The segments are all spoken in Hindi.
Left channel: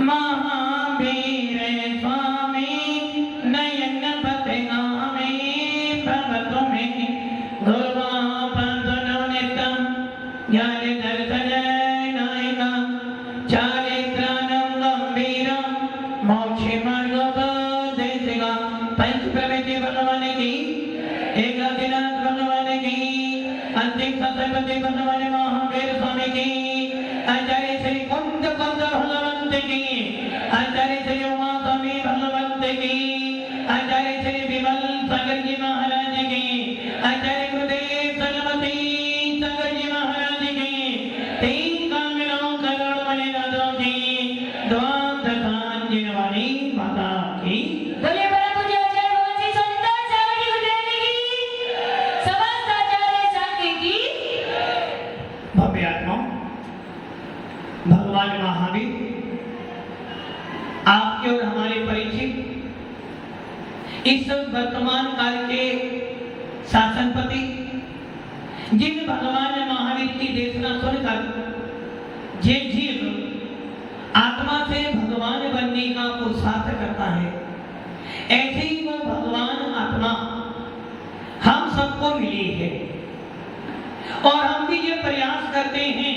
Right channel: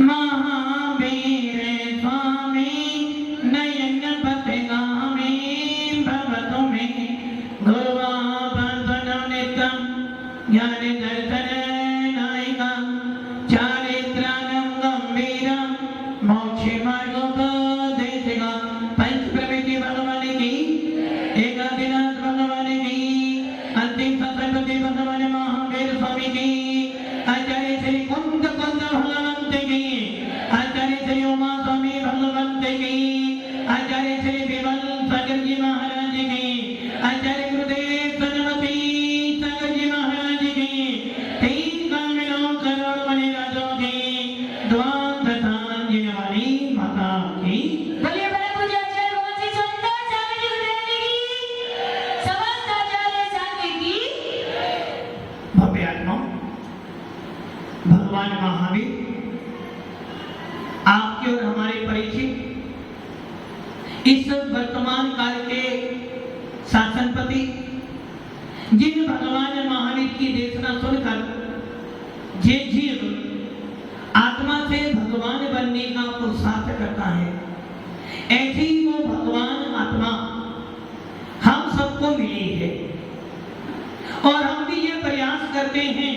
महावीर स्वामी नयन पतनामे भगत में गुरुवापन नित्यम ज्ञान दर्शन नायकम चारित्रानं गंभीरम मोक्ष मार्गोपदेशकम पंच प्रमेय भगवान की एकादिनाथ भगवान की अंतिम सत्संग भगवान महावीर स्वामी की आचार्य श्री कुंद भगवंत की आचार्य श्री उमा स्वामी भगवंत की आचार्य श्री विमल सागर जी महाराज की आचार्य गुरुदेव सरस्वती सागर जी महाराज की तीन कामिलों करोड़ मणि राजों की द्वार जी वाली माता की बोलिए बड़ा पूजा आचार्य भगवान श्री संत सागर जी गुरुदेव की समस्त आचार्य संघ की भव्य आत्मा भगवान महावीर आपके और हमारे परिचित इस वर्तमान काल के शासनपति जिन भगवान महावीर की देशना सुनकर जे जीव आत्मा से भगवान बनने का पुरुषार्थ करता है, ऐसे ही वो भगवान आत्मा हम सबको मिली है। और हम भी ये प्रयास करते हैं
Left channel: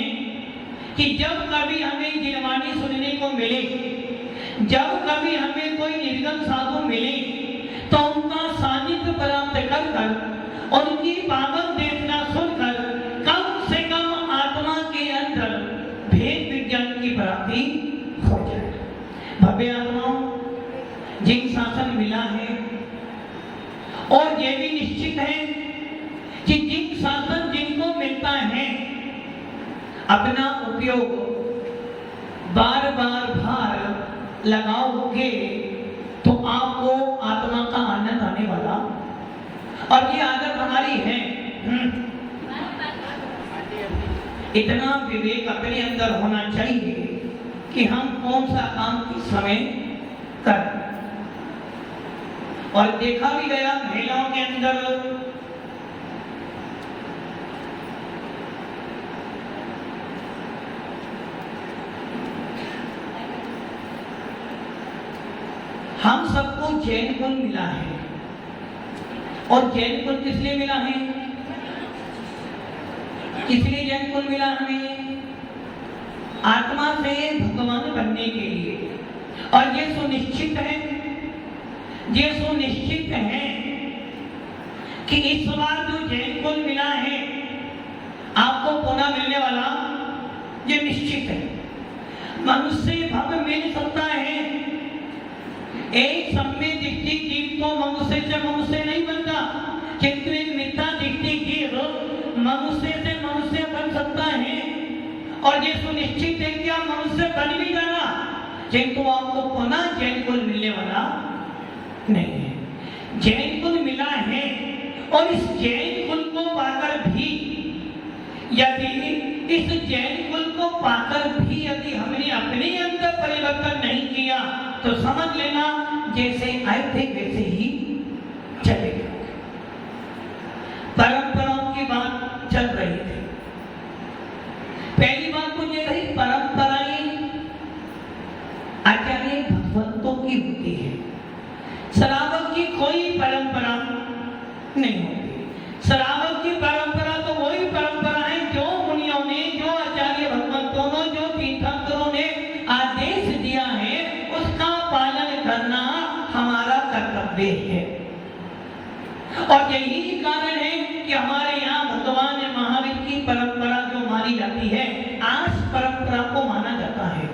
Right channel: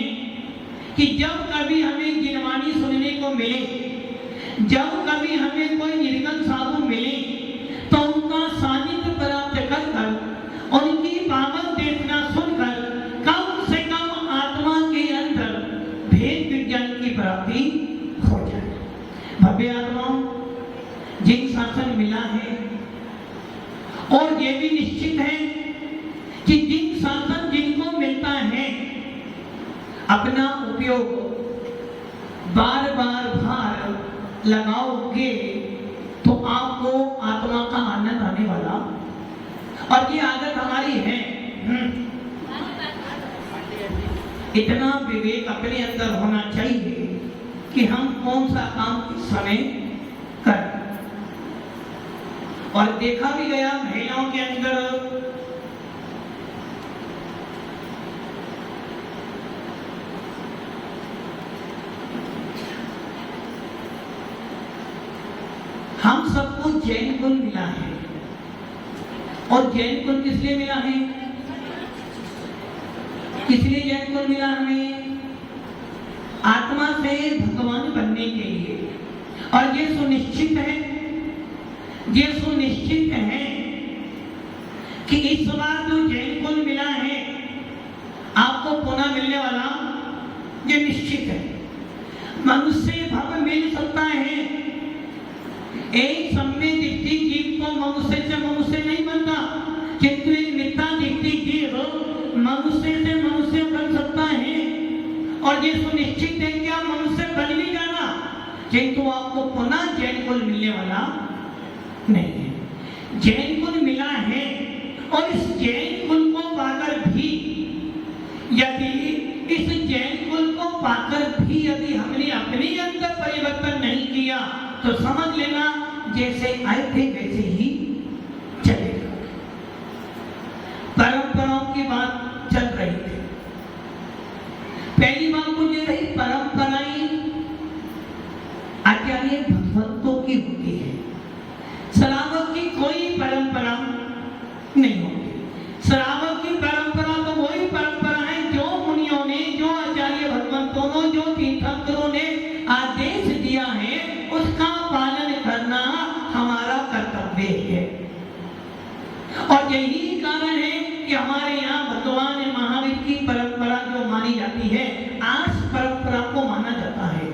कि जब कभी हमें जिनवाणी सुनने को मिले, जब कभी हमें कोई निर्गम साधु मिले, तो उनका सानिध्य प्राप्त कर कर उनकी पावन देशना सुनकर कम से कम आत्मा के अंदर भेद विज्ञान की प्राप्ति हो जाए। भव्य आत्मा जिन शासन मिला है और ये भी निश्चित है कि जिन शासन जिनको मिलता है अपना उपयोग बार बार भार लगाओगे तो आपको आत्मा का आनंद आने वाला। और ये आदत हमारी है, इतना विवेक अपने अंदर होना चाहिए कि हम कौन सा काम किस समय करें। और देखा भी गया महिलाओं के अंदर हम सबको जैन कुल मिला है। और जैन कुल किस लिए मिला है? किस लिए जैन कुल मिला हमें? आत्मा से भगवान बनने के लिए। और ये सुनिश्चित है कि इस बार जो जैन कुल मिला है आपको पुनः मिलने वाला, ये निश्चित है। मनुष्य भव मिल सकता है, एक सम्य दिखती जीव को मनुष्य से मनुष्य नहीं बनता, किंतु एक मिथ्या दिखती जीव मनुष्य से मनुष्य बन सकता है। और ये सुनिश्चित है कि आप मनुष्य बन भी जाना, किंतु आपको पुनः जैन कुल मिलने वाला नहीं है। जैन कुल मिला है और इस जैन कुल को पाकर भी यदि हमने अपने अंदर परिवर्तन नहीं किया तो समझ लेना जैसे आए थे वैसे ही चलेगा। परंपराओं की बात चल रही थी। पहली बात तो ये रही, परंपराएं आचार्य भगवंतों की होती है, श्रावक की कोई परंपरा नहीं होती। श्रावक की परंपरा तो वही परंपरा है जो मुनियों ने, जो आचार्य भगवंतों ने, जो तीर्थंकरों ने आदेश दिया है, उसका पालन करना हमारा कर्तव्य है। और यही कारण है कि हमारे यहाँ भगवान महावीर की परंपरा जो मानी जाती है, आस परंपरा को माना जाता है।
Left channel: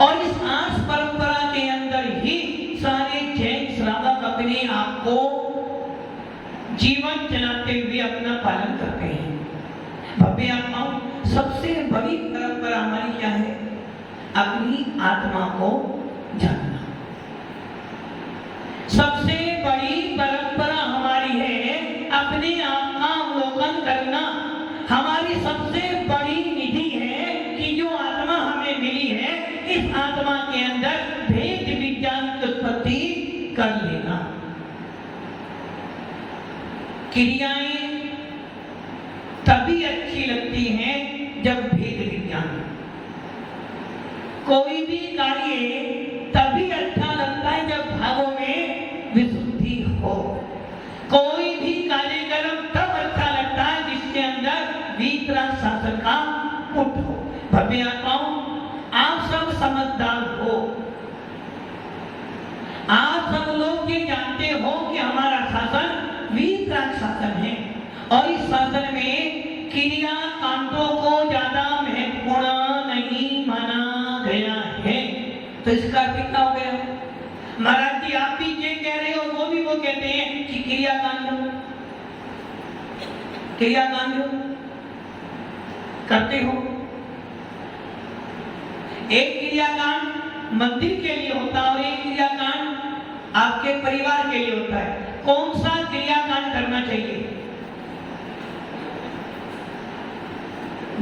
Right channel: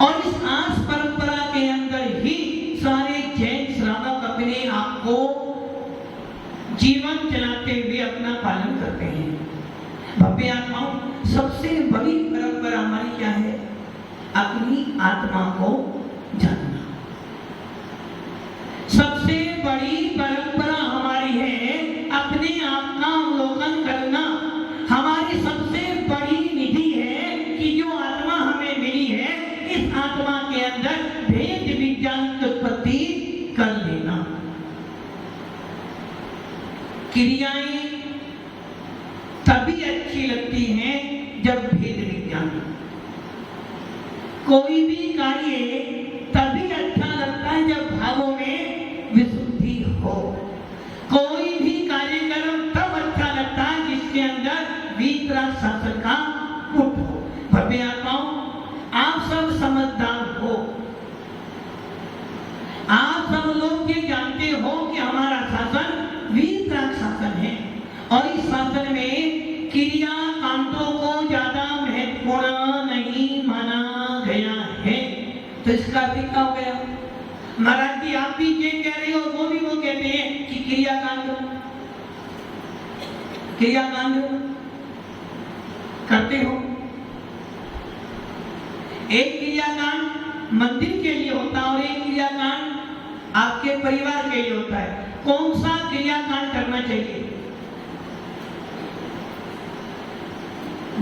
और इस आस परंपरा के अंदर ही सारे जैन श्रावक अपने आप को जीवन चलाते हुए अपना पालन करते हैं। भव्य आत्मा सबसे बड़ी परंपरा हमारी क्या है? अपनी आत्मा को जानना। सबसे बड़ी परंपरा हमारी है अपने आप का अवलोकन करना। हमारी सबसे बड़ी निधि है कि जो आत्मा हमें मिली है, इस आत्मा के अंदर भेद विज्ञान की उत्पत्ति कर लेना। क्रियाएं तभी अच्छी लगती हैं जब भेद विज्ञान। कोई भी कार्य तभी अच्छा लगता है जब भावों में विशुद्धि हो। कोई भी कार्यक्रम तब अच्छा लगता है जिसके अंदर वीतराग शासन का पुट हो। भव्य आत्माओं, आप सब समझदार हो, आप सब लोग ये जानते हो कि हमारा शासन वीतराग शासन है और इस शासन में क्रिया कांडों को ज्यादा महत्वपूर्ण नहीं माना गया है। तो इसका अर्थ क्या हो गया? महाराज जी आप भी ये कह रहे हो, वो भी वो कहते हैं कि क्रियाकांड करते हो। एक क्रियाकांड मंदिर के लिए होता है और एक क्रियाकांड आपके परिवार के लिए होता है। कौन सा क्रियाकांड करना चाहिए?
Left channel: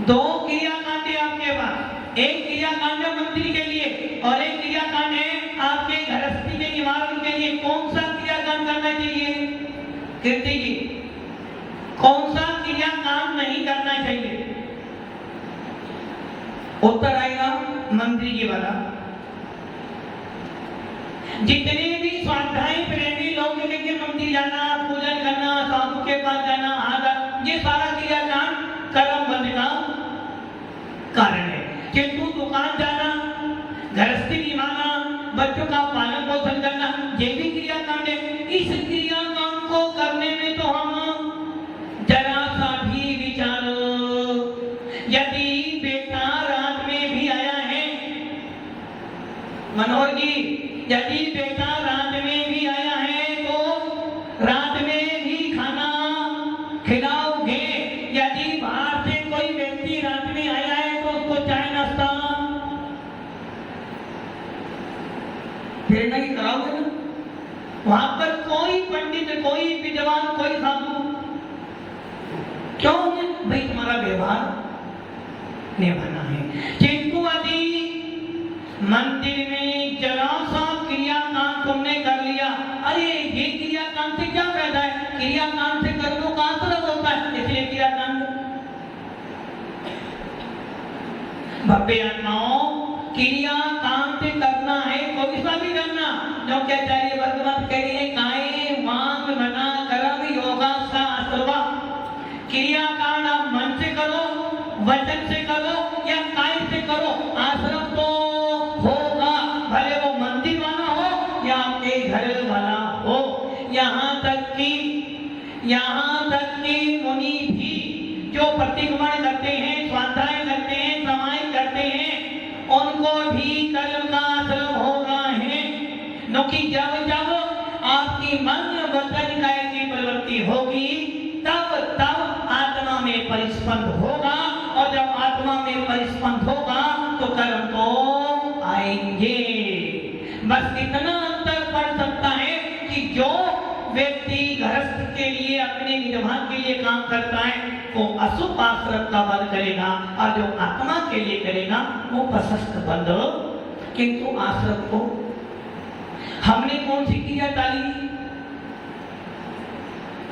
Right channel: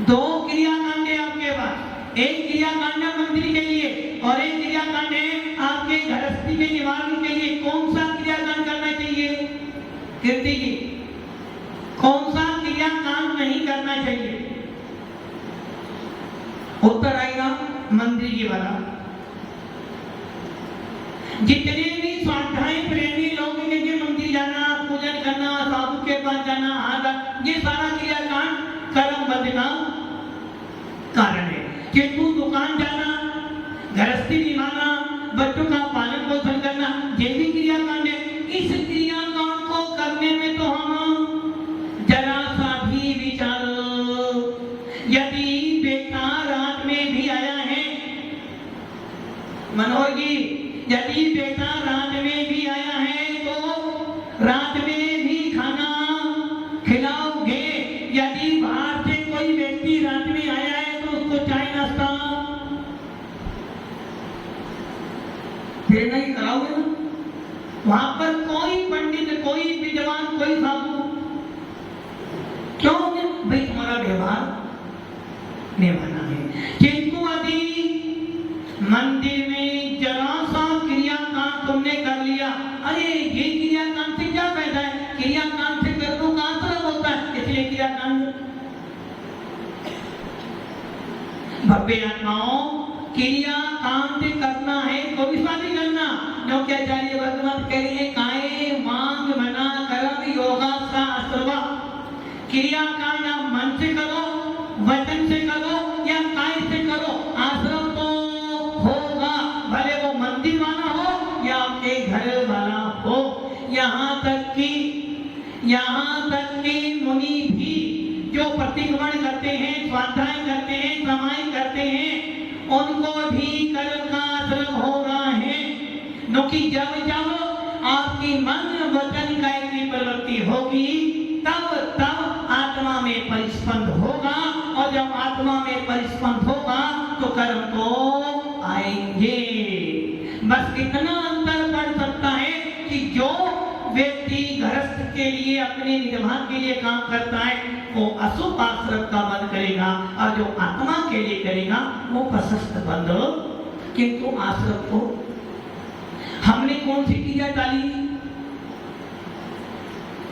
दो क्रियाकांड है आपके पास, एक क्रियाकांड है मंदिर के लिए और एक क्रियाकांड है आपके गृहस्थी के निवारण के लिए। कौन सा क्रियाकांड करना चाहिए? कीर्ति जी, कौन सा क्रियाकांड नहीं करना चाहिए? उत्तर आएगा मंदिर जी वाला। जितने भी स्वाध्याय प्रेमी लोग हैं, मंदिर जाना, पूजन करना, साधु के पास जाना, ये सारा क्रियाकांड कर्म बंध का कारण है। किंतु दुकान जाना, गृहस्थी निभाना, बच्चों का पालन पोषण करना, ये भी क्रियाकांड है। इस क्रियाकांड को करने में तो हम जरा सा भी विचारो। यदि बेटा रात में भी आया है, मनोहर जी, यदि बेटा रात में भी आया है तो रात में भी खाना खिलाओगे। यदि बाहर से कोई व्यक्ति रात में आया है तो उसको चाय नाश्ता फिर नहीं कराओगे ना? वहां पर कोई पंडित, कोई विद्वान, कोई साधु क्यों? भाई तुम्हारा व्यवहार निभाना है। किंतु यदि मंदिर में जरा सा क्रियाकांड तुमने कर लिया, अरे ये क्रियाकांड से क्या फायदा है? क्रियाकांड से कर्मों का आश्रय होता है, इसलिए क्रियाकांड। भव्य आत्माओं, क्रियाकांड करना है तो इसका भी करना। जो क्या चाहिए वर्तमान कह रही है, काये मांग मना कर्म योगा शास्त्रवा। क्रियाकांड आप मन से करो, वचन से करो या काय से करो, आश्रम तो होगा, भले वो मंदिर वाला हो या आपके घर वाला हो। यहाँ तक कि मुनि भी जो प्रतिक्रमण करते हैं, स्वाध्याय करते हैं, समाय करते हैं, उनको भी कर्म का आश्रम हो रहा है। क्योंकि जब आपकी मन वचन काय की प्रवृत्ति होगी तब आत्मा में परिस्पंद होगा और जब आत्मा में परिस्पंद होगा तो कर्म तो आएंगे। बस इतना अंतर पड़ सकता है कि जो व्यक्ति गृहस्थ के लिए, अपने निर्वाह के लिए काम करता है वो अशुभ आश्रम का बंध करेगा और जो आत्मा के लिए करेगा वो प्रशस्त बंध। किंतु आश्रम को हमने कौन सी क्रिया डाली?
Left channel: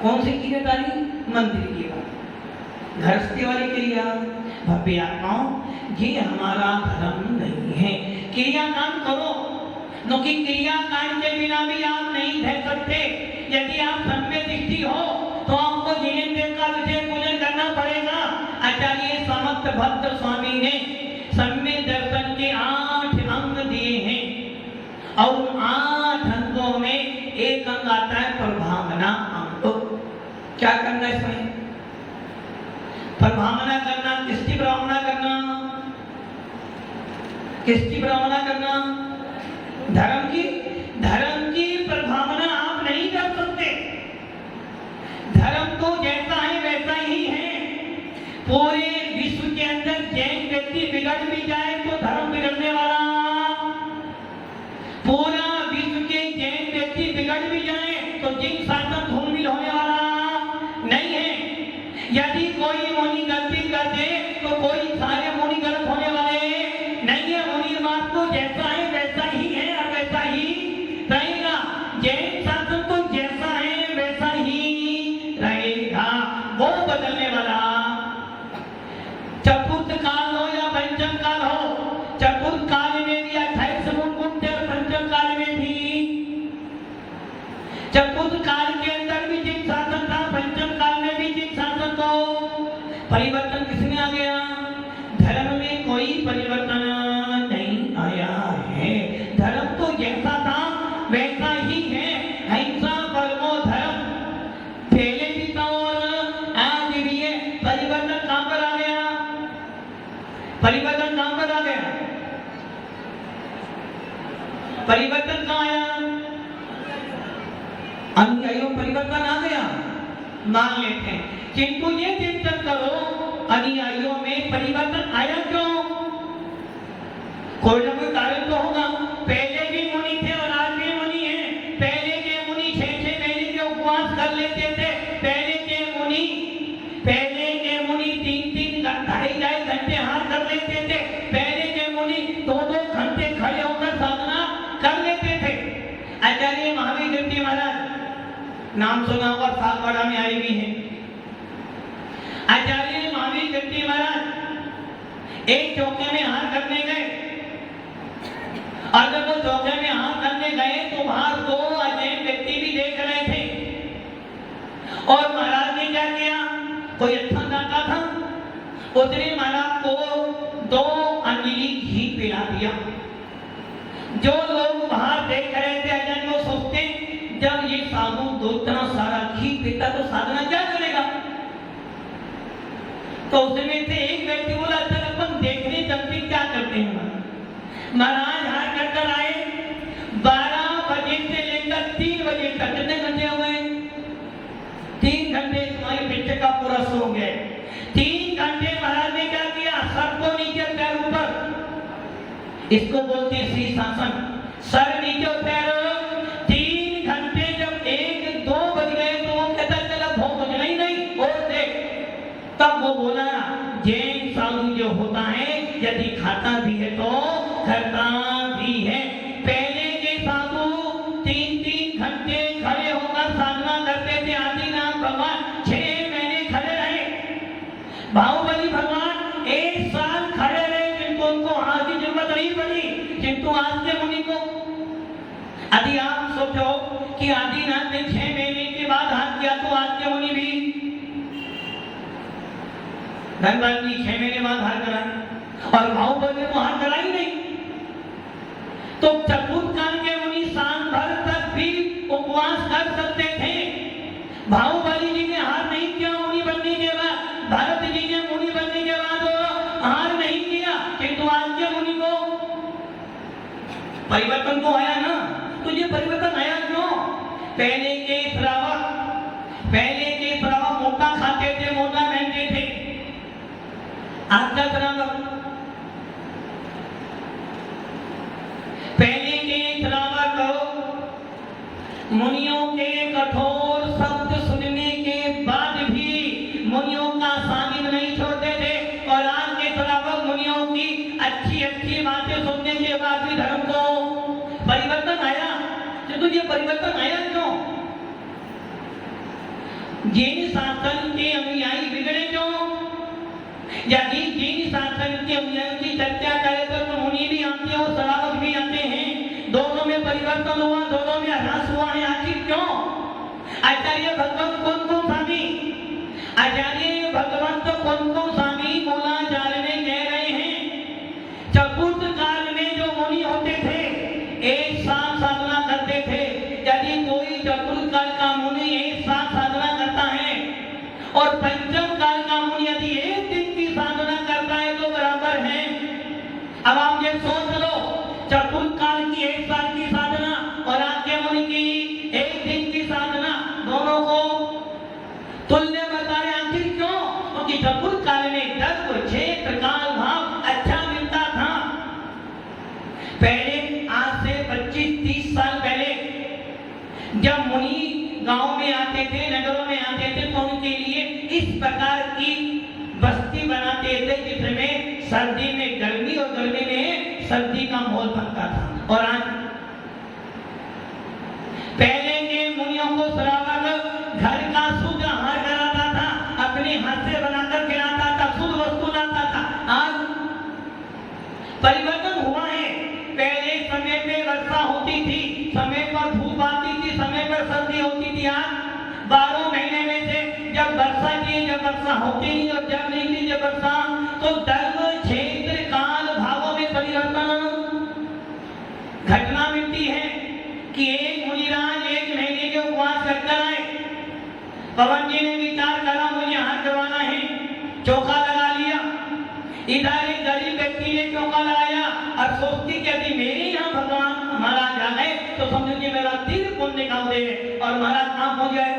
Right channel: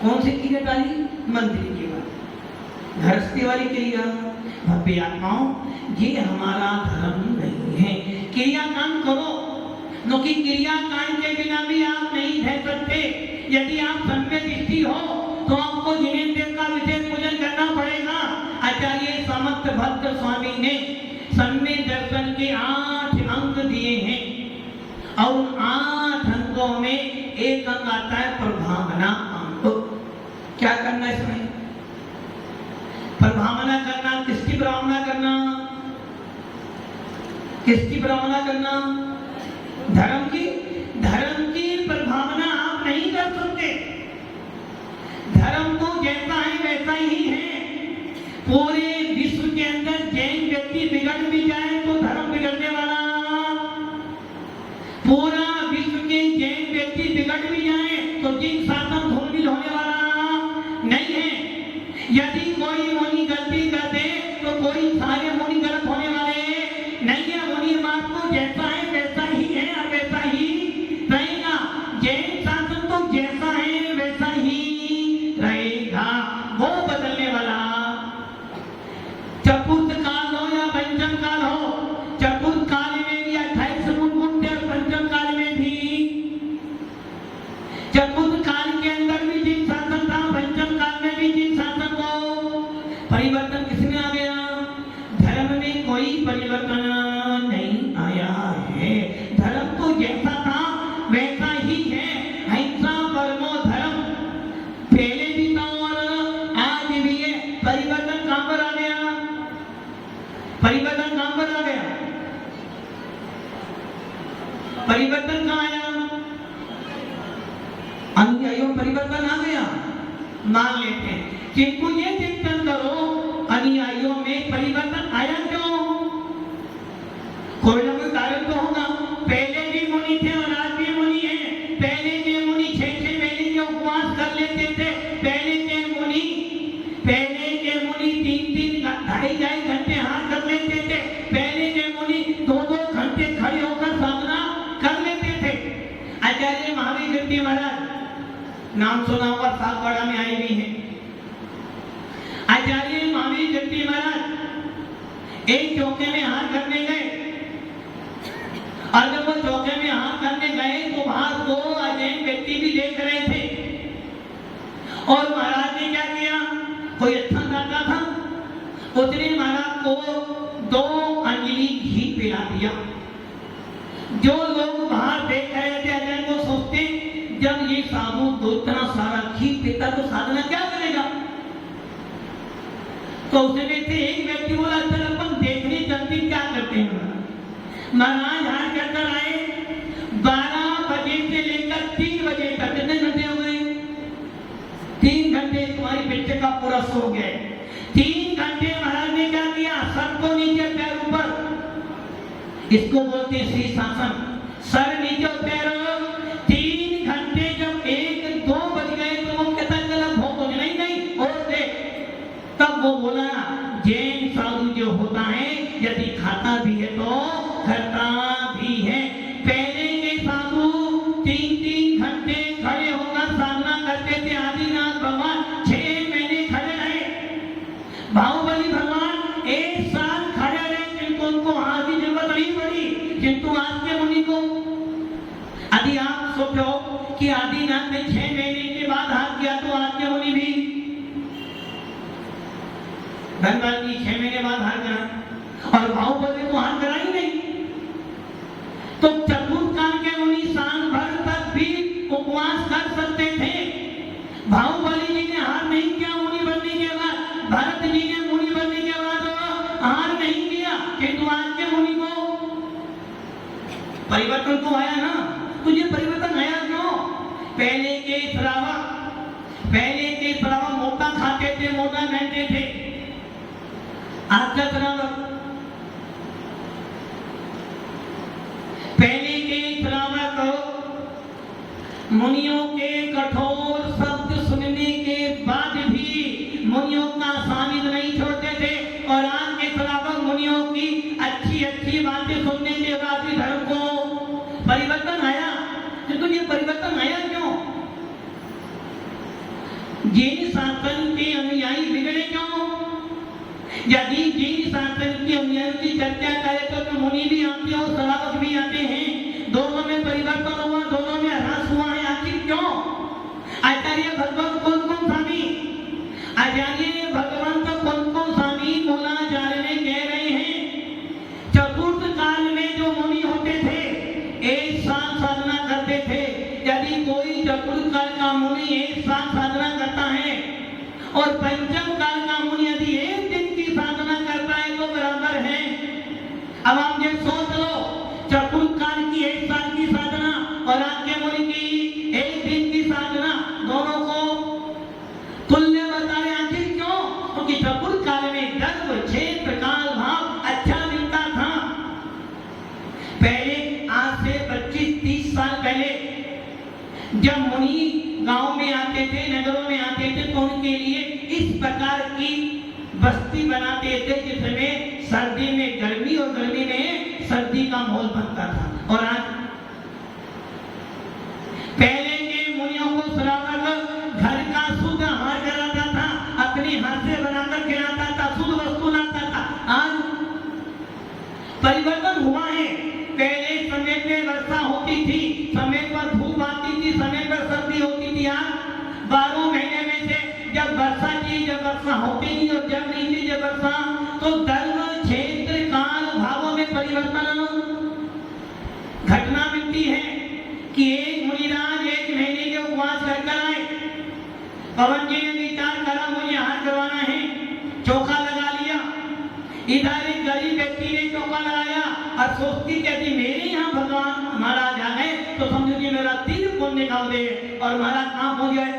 कौन सी क्रिया डाली? मंदिर की गृहस्थी वाली क्रिया। भव्य आत्माओं, ये हमारा धर्म नहीं है। क्रियाकांड करो, क्योंकि क्रियाकांड के बिना भी आप नहीं रह सकते। यदि आप सम्यक दृष्टि हो तो आपको जिनेन्द्र का विशेष पूजन करना पड़ेगा। आचार्य समर्थ भक्त स्वामी ने सम्यक दर्शन के 8 अंग दिए हैं और 8 अंगों में एक अंग आता है प्रभावना अंग। क्या करना इसमें? प्रभावना करना। किसकी प्रभावना करना? किसकी प्रभावना करना? धर्म की। धर्म की प्रभावना आप नहीं कर सकते। धर्म तो जैसा है वैसा ही है। पूरे विश्व के अंदर जैन व्यक्ति बिगड़ भी जाए तो धर्म बिगड़ने वाला, पूरा विश्व के जैन व्यक्ति बिगड़ भी जाए तो जिन शासन धूमिल होने वाला नहीं है। यदि कोई मुनि गलती कर दे तो कोई सारे मुनि गलत होने वाले नहीं है। मुनि मार्ग तो जैसा है वैसा ही है और वैसा ही रहेगा। जैन शासन तो जैसा है वैसा ही रहेगा, वो बदलने वाला। चतुर्थ काल हो या पंचम काल हो, चतुर्थ काल में परिवर्तन कहाँ आया? अनुयायियों में परिवर्तन आ गया, मान लेते हैं। किंतु ये चिंतन करो, अनुयायियों में परिवर्तन आया क्यों? कोई ना कोई कारण तो होगा। पहले भी मुनि थे और आज भी मुनि हैं। पहले के मुनि 6-6 महीने के उपवास कर लेते थे। पहले के मुनि 3-3 ढाई घंटे हाथ कर लेते थे। पहले के मुनि 2-2 घंटे खड़े होकर साधना कर लेते थे। आचार्य महावीर कीर्ति महाराज, नाम सुना हुआ, सागवाड़ा में आए भी हैं। आचार्य महावीर कीर्ति महाराज एक चौके में हाथ करने गए, और जब वो चौके में हाथ करने गए तो वहां 2 अजैन व्यक्ति भी देख रहे थे। और महाराज ने क्या किया? कोई अच्छा दाता था, उसने महाराज को 2 अंजलि घी पिला दिया। जो लोग वहां देख रहे थे अजैन को सोचते, जब ये साधु 2 इतना सारा घी पीता तो साधना क्या करेगा? तो उसमें से एक व्यक्ति बोला, चल अपन देखने चलते क्या करते हैं। महाराज हार कर आए। 12 बजे से लेकर 3 बजे तक, कितने घंटे हो गए? 3 घंटे तुम्हारी पिक्चर का पूरा सो गए। 3 घंटे महाराज ने क्या किया? सर को नीचे, पैर ऊपर। इसको बोलते हैं शीर्षासन। सर नीचे, पैर। 3 घंटे जब 1-2 बज गए तो वो कहता चला भोग हो गई नहीं और देख। तब वो बोला, जैन साधु जो होता है यदि खाता भी है तो करता भी है। पहले के साधु 3-3 घंटे खड़े होकर साधना करते थे। आदिनाथ भगवान 6 महीने खड़े रहे। बाहुबली भगवान 1 साल खड़े रहे, किंतु उनको आज की जरूरत नहीं पड़ी। किंतु आज के मुनि को, यदि आप सोचो कि आदिनाथ ने 6 महीने के बाद हाथ किया तो आज के मुनि भी धनबाद जी 6 महीने बाद हाथ करा, और बाहुबली को हाथ करा ही नहीं। तो चतुर्काल के मुनि साल भर तक भी उपवास कर सकते थे। बाहुबली जी ने हार नहीं किया मुनि बनने के बाद, भरत जी ने मुनि बनने के बाद हार नहीं किया। किंतु आज के मुनि को परिवर्तन तो आया ना। तो ये परिवर्तन आया क्यों? पहले के श्रावक मोटा खाते थे, मोटा पहनते थे। आज का श्रावक, पहले के श्रावक मुनियों के कठोर शब्द सुनने के बाद भी मुनियों का सानिध्य नहीं छोड़ते थे। और आज के श्रावक मुनियों की अच्छी बातें सुनने के बाद भी धर्म को परिवर्तन आया। तो तुझे परिवर्तन आया क्यों? जैन शासन के अनुयायी बिगड़े क्यों? यदि जैन शासन के अनुयायियों की चर्चा करें तो मुनि भी आते हैं और श्रावक भी आते हैं। दोनों में परिवर्तन हुआ, दोनों में ह्रास हुआ है। आखिर क्यों? आचार्य भगवंत कौन स्वामी, आचार्य भगवंत कौन स्वामी मूलाचार्य ने कह रहे हैं, चतुर्थ काल में जो मुनि होते थे 1 साल साधना करते थे। यदि कोई चतुर्थ काल का मुनि 1 साल साधना करता है और पंचम काल का मुनि यदि 1 दिन की साधना करता है तो बराबर है। अब आप ये सोच लो, चतुर्थ काल की 1 साल की साधना और आपके मुनि की 1 दिन की साधना, दोनों को तुल्य बताए। आखिर क्यों? क्योंकि चतुर्थ काल में धर्म, क्षेत्र, काल, भाव अच्छा मिलता था। पहले आज से 25-30 साल पहले जब मुनि गांव में आते थे, नगरों में आते थे, तो उनके लिए इस प्रकार की बस्ती बनाते थे जिसमें सर्दी में गर्मी और गर्मी में सर्दी का माहौल बनता था। और आज पहले के मुनियों को श्रावक घर का शुद्ध आहार कराता था, अपने हाथ से बनाकर खिलाता था, शुद्ध वस्तु लाता था। आज परिवर्तन हुआ है। पहले समय पे वर्षा होती थी, समय पर धूप आती थी, समय पर सर्दी होती थी। आज 12 महीने में से जब वर्षा की, जब वर्षा होती नहीं और जब नहीं थी जब वर्षा, तो धर्म, क्षेत्र, काल, भावों में परिवर्तन घटना मिलती है कि एक मुनिराज 1 महीने के उपवास करकर आए। पवन जी ने विचार करा मुझे हाथ करवाना है, चौका लगा लिया। इधर एक गरीब व्यक्ति ने चौका लगाया और सोचती कि यदि मेरे यहाँ भगवान महाराज होने का उदय है और हमारा काम हो जाए।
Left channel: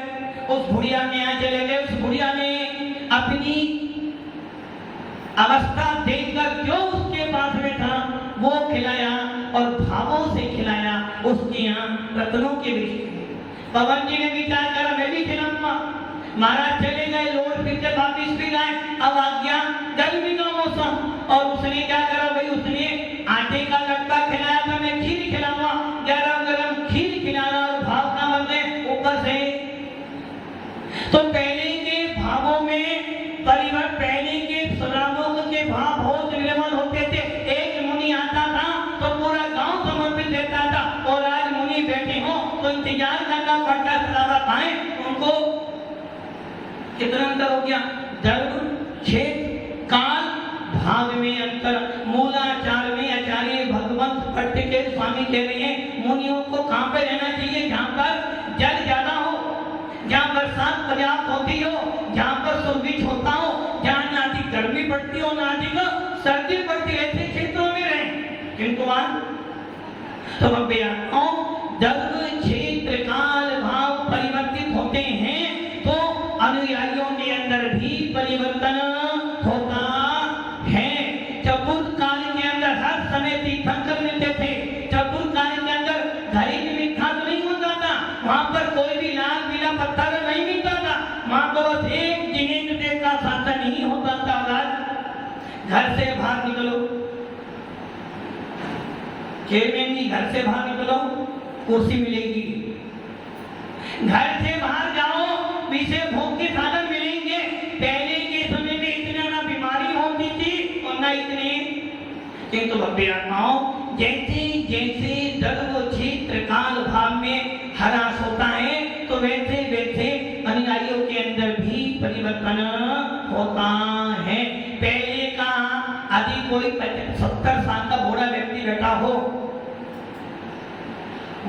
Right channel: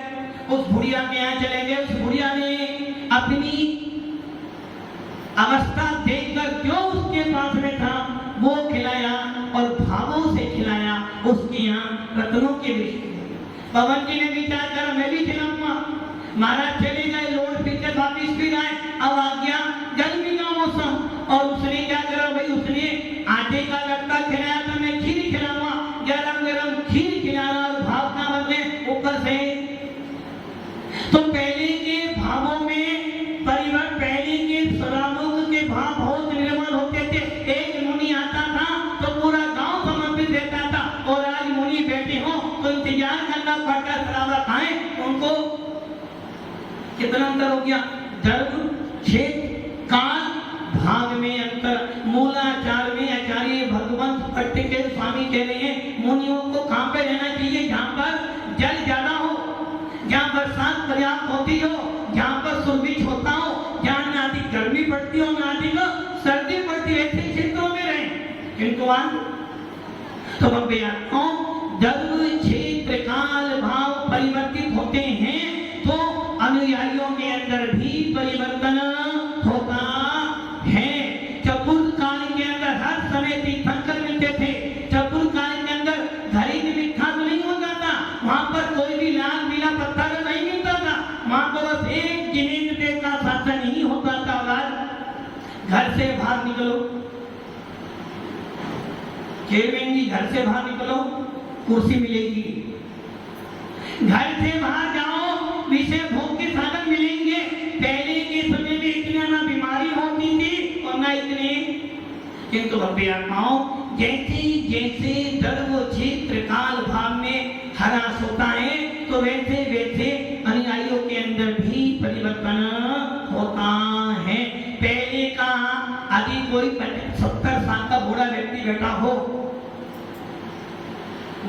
उस बुढ़िया के यहाँ चले गए। उस बुढ़िया ने अपनी अवस्था देखकर जो उसके पास में था वो खिलाया और भावों से खिलाया। उसके यहाँ रत्नों के वृक्ष थे। पवन जी ने विचार करा मैं भी खिलाऊंगा। महाराज चले गए, लौट फिर से वापिस फिर आए। अब आ गया गर्मी का मौसम और उसने क्या करा भाई, उसने आटे का लट्टा खिलाया था, मैं खीर खिलाऊंगा। गरम गरम खीर खिलाना और भाव का बदले ऊपर से। तो पहले के भावों में परिवर्तन, पहले के स्वरालों के भाव बहुत निर्मल होते थे। एक मुनि आता था तो पूरा गांव समर्पित रहता था और आज मुनि बैठे हो तो इंतजार करना पड़ता सराबा खाए उनको। कितना अंतर हो गया, दर्भ क्षेत्र काल भाग में अंतर। मूलाचार में आचार्य भगवंत भट्ट के स्वामी कह रहे हैं मुनियों को कहां पे रहना चाहिए, जहां पर जल ज्यादा हो, जहां बरसात पर्याप्त होती हो, जहां पर सुरभिक्ष होता हो, जहां ना अधिक गर्मी पड़ती हो ना अधिक सर्दी पड़ती, ऐसे क्षेत्रों में रहे। किंतु तो दर्भ क्षेत्र काल भाव परिवर्तित होते हैं तो अनुयायियों के अंदर भी परिवर्तन होता है। चतुर काल के अंदर हर समय तीर्थंकर मिलते थे। चतुर काल के अंदर घड़ी में मिठा तो नहीं होता था, वहां पर कोई भी लाल पीला पत्थर नहीं मिलता था। वहां तो बस एक जिनेंद्र देव का शासन ही होता था। घर से बाहर निकलो, चेयरमैन जी घर से बाहर निकलो, कुर्सी मिलेगी। घर से बाहर जाओ, विषय भोग के साधन मिलेंगे। पहले के समय में इतना ना बीमारी होती थी और ना इतने। किंतु भव्य आत्माओं, जैसे जैसे दर्भ क्षेत्र काल भाव में ह्रास होता है तो वैसे वैसे अनुयायियों के अंदर भी परिवर्तन होता है। पहले का यदि कोई 70 साल का बूढ़ा व्यक्ति बैठा हो,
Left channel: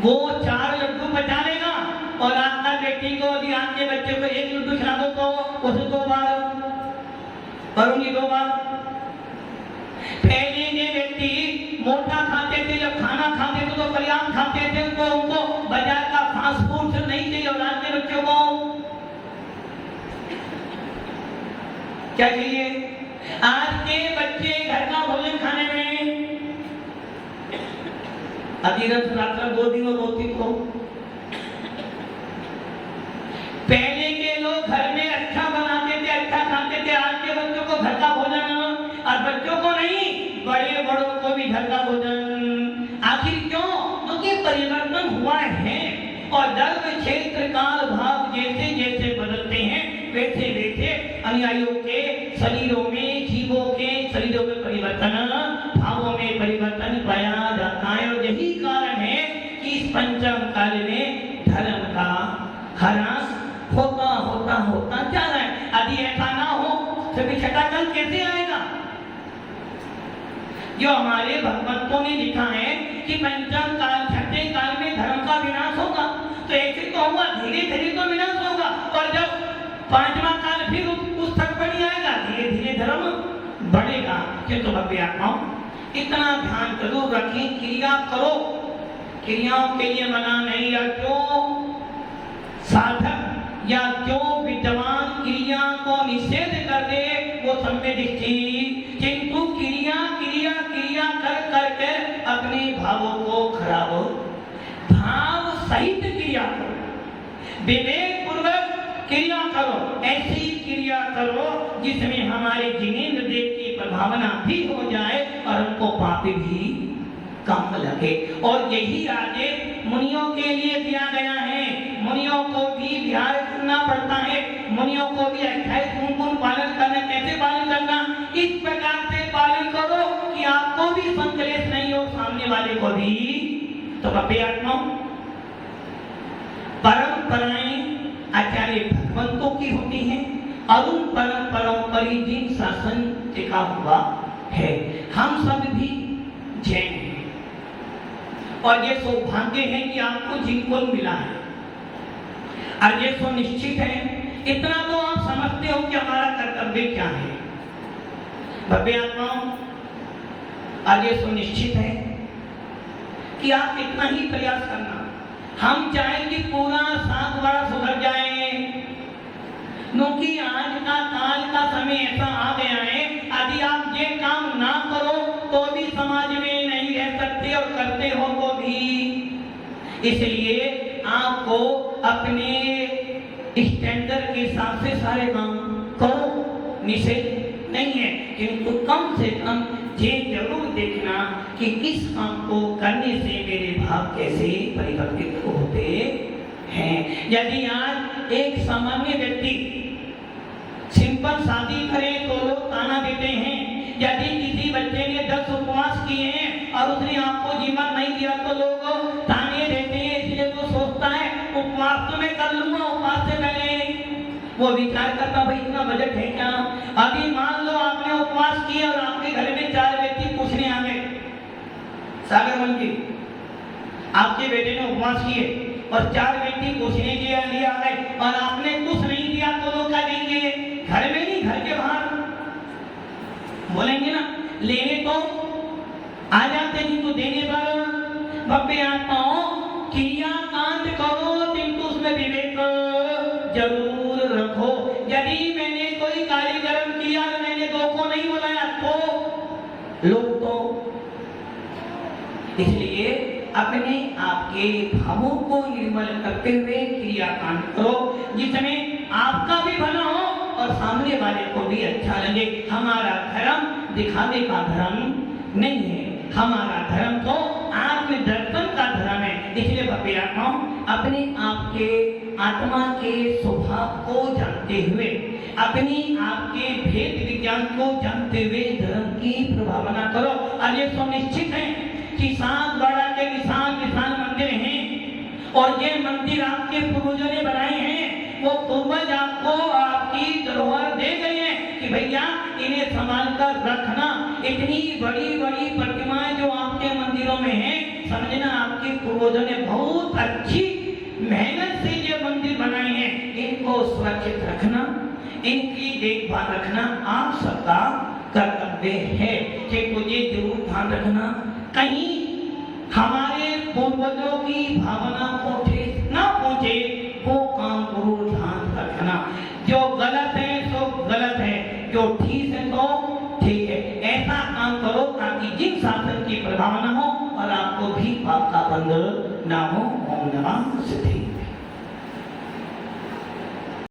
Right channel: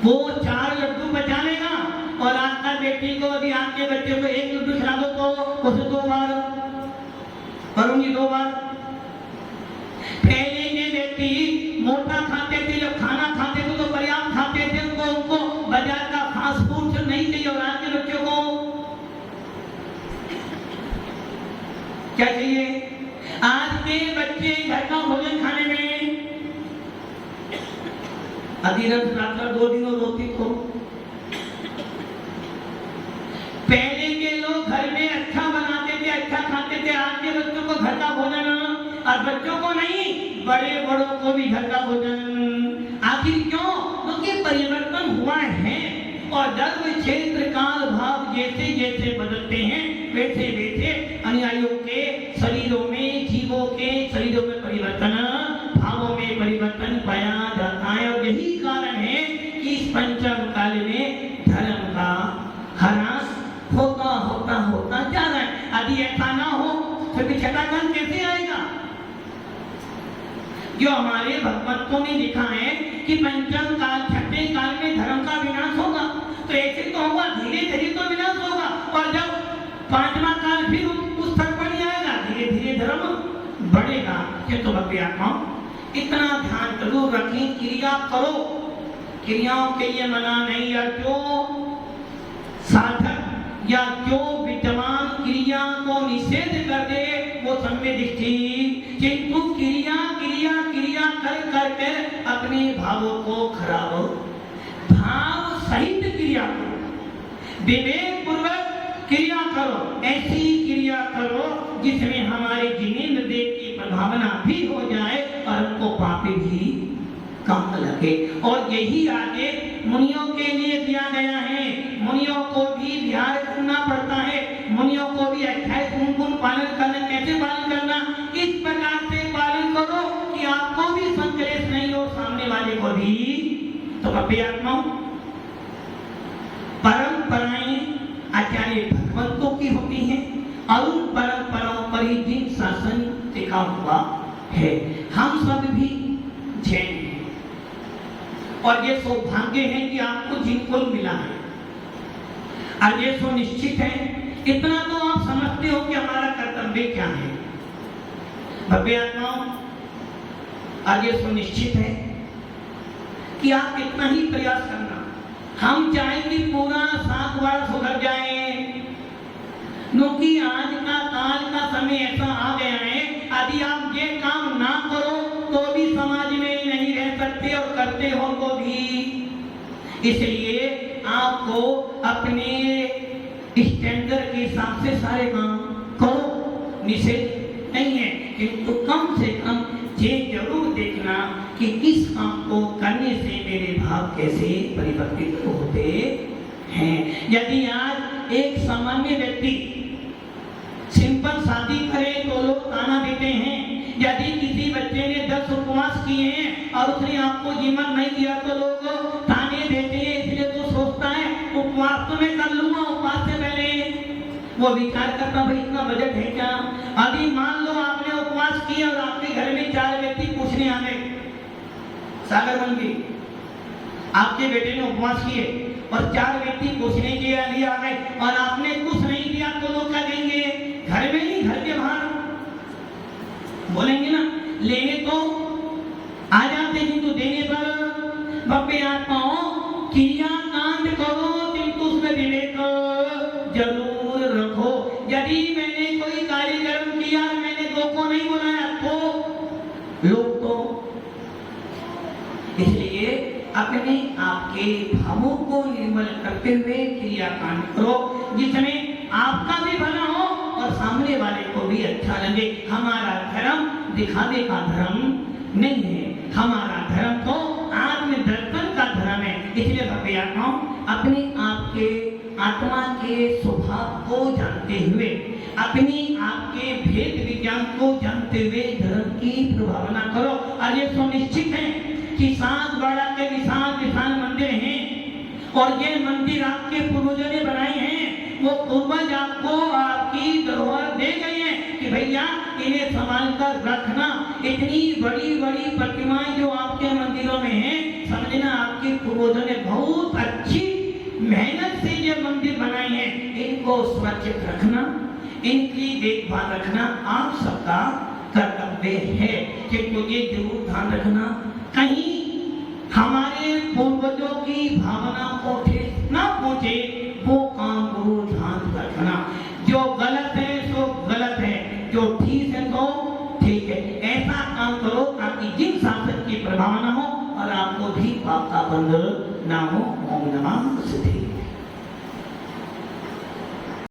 वो 4 लड्डू बचा लेगा और आपका बेटी को यदि आपके बच्चे को 1 लड्डू खिला दो तो उसे 2 बार करूंगी 2 बार। पहले के व्यक्ति मोटा खाते थे, जब खाना खाते थे तो पर्याप्त खाते थे, उनको बाजार का फास्ट फूड नहीं चाहिए। और आज के बच्चों को क्या चाहिए? आज के बच्चे घर का भोजन खाने में अधिरथ रात्र 2 दिनों रोती को। पहले के लोग घर में अच्छा बनाते थे, अच्छा खाते थे। आज के बच्चों को घर का भोजन, और बच्चों को नहीं, बड़े बड़ों को भी घर का भोजन। आखिर क्यों? क्योंकि परिवर्तन हुआ है और दर्भ क्षेत्र काल भाव जैसे जैसे बदलते हैं वैसे वैसे अनुयायियों के शरीरों में, जीवों के शरीरों में परिवर्तन, भावों में परिवर्तन पाया जाता है। और यही कारण है कि इस पंचम काल में धर्म का ह्रास होता होता होता जा रहा है। यदि ऐसा ना हो तो छठा काल कैसे आएगा? जो हमारे भगवंतों ने लिखा है कि पंचम काल, छठे काल में धर्म का विनाश होगा, तो ऐसे तो होगा, धीरे धीरे तो विनाश होगा। और जब 5वां काल फिर उस तक बढ़ जाएगा, धीरे धीरे धर्म बढ़ेगा। किंतु भव्य आत्माओं, इतना ध्यान जरूर रखें, क्रिया करो, क्रियाओं के लिए मना नहीं। या जो साधक या जो विद्वान क्रिया को निषेध कर दे वो सम्यक दृष्टि। किंतु क्रिया क्रिया क्रिया कर करके अपने भावों को खराब, भाव सहित क्रिया करो, विवेक पूर्वक क्रिया करो। ऐसी क्रिया करो जिसमें हमारे जिनेंद्र देव की प्रभावना भी हो जाए और उनको पाप भी कम लगे। और यही आगे मुनियों के लिए दिया गया है। मुनियों को भी ध्यान करना पड़ता है, मुनियों को भी 28 गुण पालन करना। कैसे पालन करना? इस प्रकार से पालन करो कि आपको भी संकलेश नहीं हो, सामने वाले को भी। तो आत्माओं, परंपराएं आचार्य भगवंतों की होती हैं और उन परंपराओं पर ही दिन शासन टिका हुआ है। हम सब भी जैन हैं और ये सौभाग्य है कि आपको जिनको मिला है। और ये सुनिश्चित है, इतना तो आप समझते हो कि हमारा कर्तव्य क्या है। भव्य आत्माओं, और ये सुनिश्चित है कि आप इतना ही प्रयास करना हम चाहें कि पूरा सात बार सुधर जाए, क्योंकि आज का काल का समय ऐसा आ गया है, यदि आप ये काम ना करो तो भी समाज में नहीं रह सकते और करते हो तो भी। इसलिए आपको अपने स्टैंडर्ड के हिसाब से सारे काम करो, निषेध नहीं है, किंतु कम से कम ये जरूर देखना कि इस काम को करने से मेरे भाव कैसे परिवर्तित होते हैं। यदि आज एक सामान्य व्यक्ति सिंपल शादी करे तो लोग ताना देते हैं, यदि किसी बच्चे ने 10 उपवास किए हैं और उसने आपको जीवन नहीं दिया तो लोग ताने देते हैं, इसलिए तो सोचता है उपवास तो मैं कर लूंगा, उपवास से पहले वो विचार करता भाई इतना बजट है क्या। अभी मान लो आपने उपवास किया और आपके घर में 4 व्यक्ति पूछने आ गए, सागर बंदी आपके बेटे ने उपवास किए और 4 व्यक्ति पूछने के लिए आ गए और आपने कुछ नहीं दिया तो लोग क्या कहेंगे, घर में नहीं घर के बाहर बोलेंगे ना। लेने तो आ जाते हैं तो देने पर बब्बे आत्माओं क्रिया कांड करो, किंतु उसमें विवेक जरूर रखो। यदि मैंने कोई कार्यक्रम किया और मैंने 2 को नहीं बुलाया तो लोग तो, इसलिए अपने आपके भावों को निर्मल करते हुए क्रिया कांड करो, जिसमें आपका भी भला हो और सामने वाले को भी अच्छा लगे। हमारा धर्म दिखावे का धर्म नहीं है, हमारा धर्म तो आत्मदर्शन का धर्म है। इसलिए भव्य आत्मा अपने आपके आत्मा के स्वभाव को जानते हुए, अपनी आपके भेद विज्ञान को जानते हुए धर्म की प्रभावना करो। और ये सुनिश्चित है कि 7 बाड़ा के विशाल विशाल मंदिर हैं और ये मंदिर आपके पूर्वजों ने बनाए हैं। वो पूर्वज आपको आपकी धरोहर दे गए हैं कि भैया इन्हें संभाल कर रखना। इतनी बड़ी बड़ी प्रतिमाएं जो आपके मंदिरों में हैं, समझना आपके पूर्वजों ने बहुत अच्छी मेहनत से ये मंदिर बनाए हैं। इनको सुरक्षित रखना, इनकी देखभाल रखना आप सबका कर्तव्य है। कि मुझे जरूर ध्यान रखना कहीं हमारे पूर्वजों की भावना को ठेस ना पहुंचे, वो काम को ध्यान रखना। जो गलत है सो गलत है, जो ठीक है तो ठीक है। ऐसा काम करो ताकि जिन शासन की प्रभाव न हो और आपको भी पाप का बंध ना हो। ओम नमः